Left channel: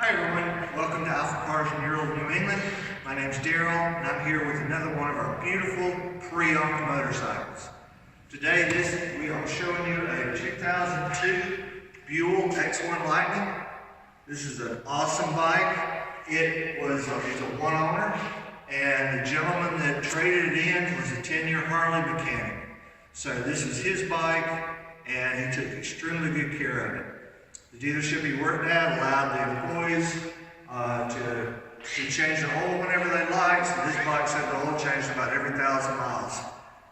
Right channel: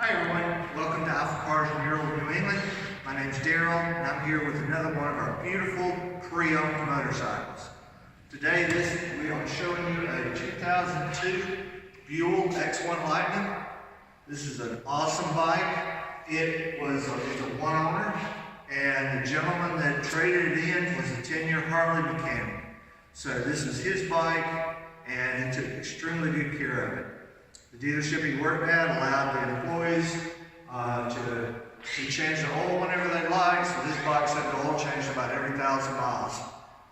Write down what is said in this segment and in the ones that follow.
Hi everyone, welcome to AlphaCars Ural, New England. My name's Daryl and I'm here with another one of our beautiful pre-owned motorcycles. Today I'm showing you a 2002 Buell X1 Lightning. This is an awesome bike. It's a one owner, and the gentleman that traded it in was a 10-year Harley mechanic. So this was his bike and he took extremely good care of it. The dealership he worked at allowed the employees to change the oil whenever they liked, so this bike said the oil changed about every 1,000 miles.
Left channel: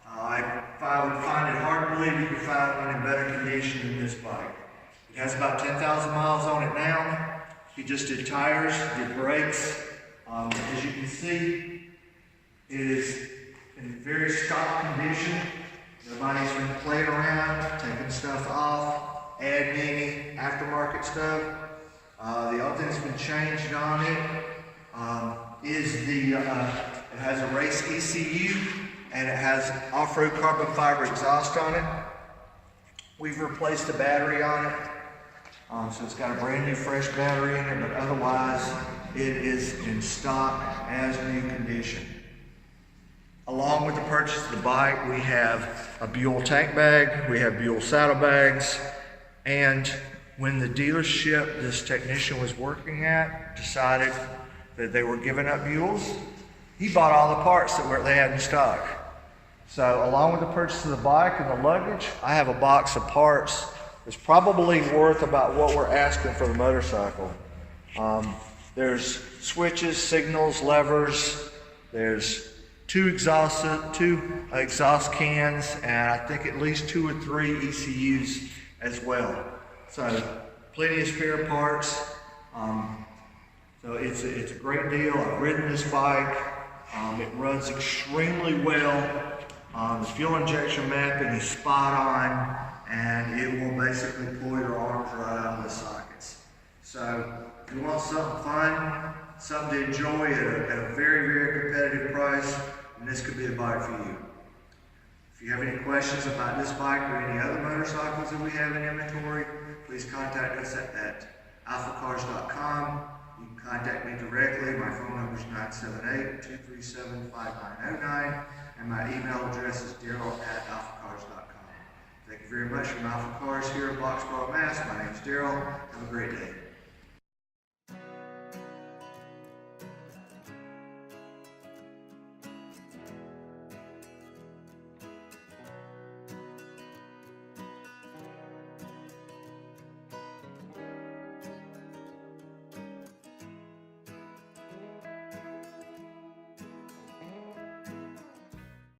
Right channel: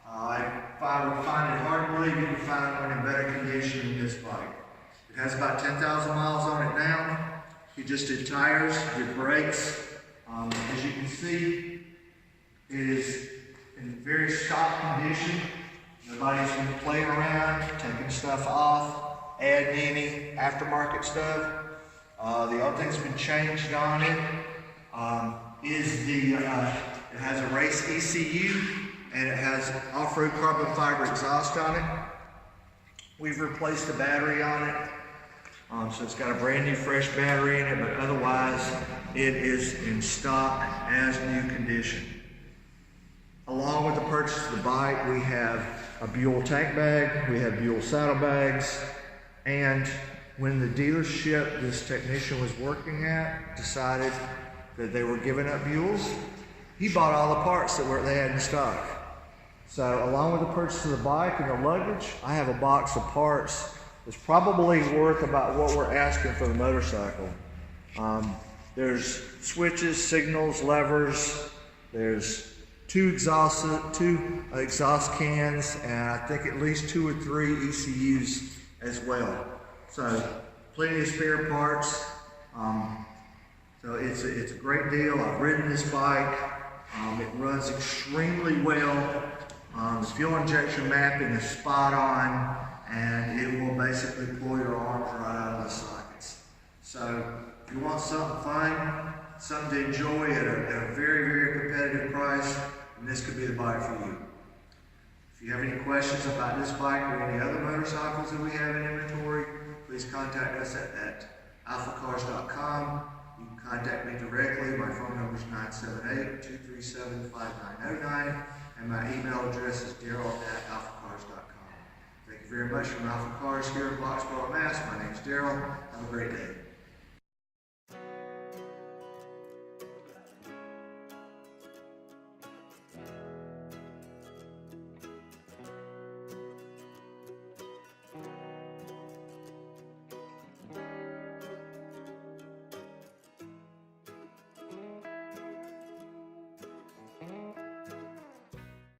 I would find it hard to believe you could find one in better condition than this bike. It has about 10,000 miles on it now. He just did tires, did brakes. As you can see, it is in very stock condition. Nobody's been playing around, taking stuff off, adding any aftermarket stuff. The other thing that's been changed on it it has a race ECU and it has off-road carbon fiber exhaust on it. We've replaced the battery on it, so it's got a brand new fresh battery in it, but otherwise it is in stock as new condition. Along with the purchase of the bike, we have a Buell tank bag, we have Buell saddlebags, and when the dealership this technician was working at decided that they were giving up Buells, he bought all the parts that they had in stock. So along with the purchase of the bike and the luggage, I have a box of parts that's probably worth about what we're asking for the motorcycle. There's switches, signals, levers, there's two exhaust cans, and I think at least 2 or 3 ECUs as well. So plenty of spare parts. So it's a great deal. I've ridden this bike. It runs extremely well. The fuel injection mapping is spot on, and it will basically pull your arms right out of the sockets. So if you want something fun, something to enjoy at a very, very competitive price, then this could be the bike for you. If you have any questions about this bike or any other motorcycles that we have in inventory, please contact us at AlphaCars.com. You can contact me directly. My phone number is 978-237-5909, and my email address is daryl@alphacars.com. Thank you very much from AlphaCars here in Boxborough, Mass. My name is Daryl. Have a great day.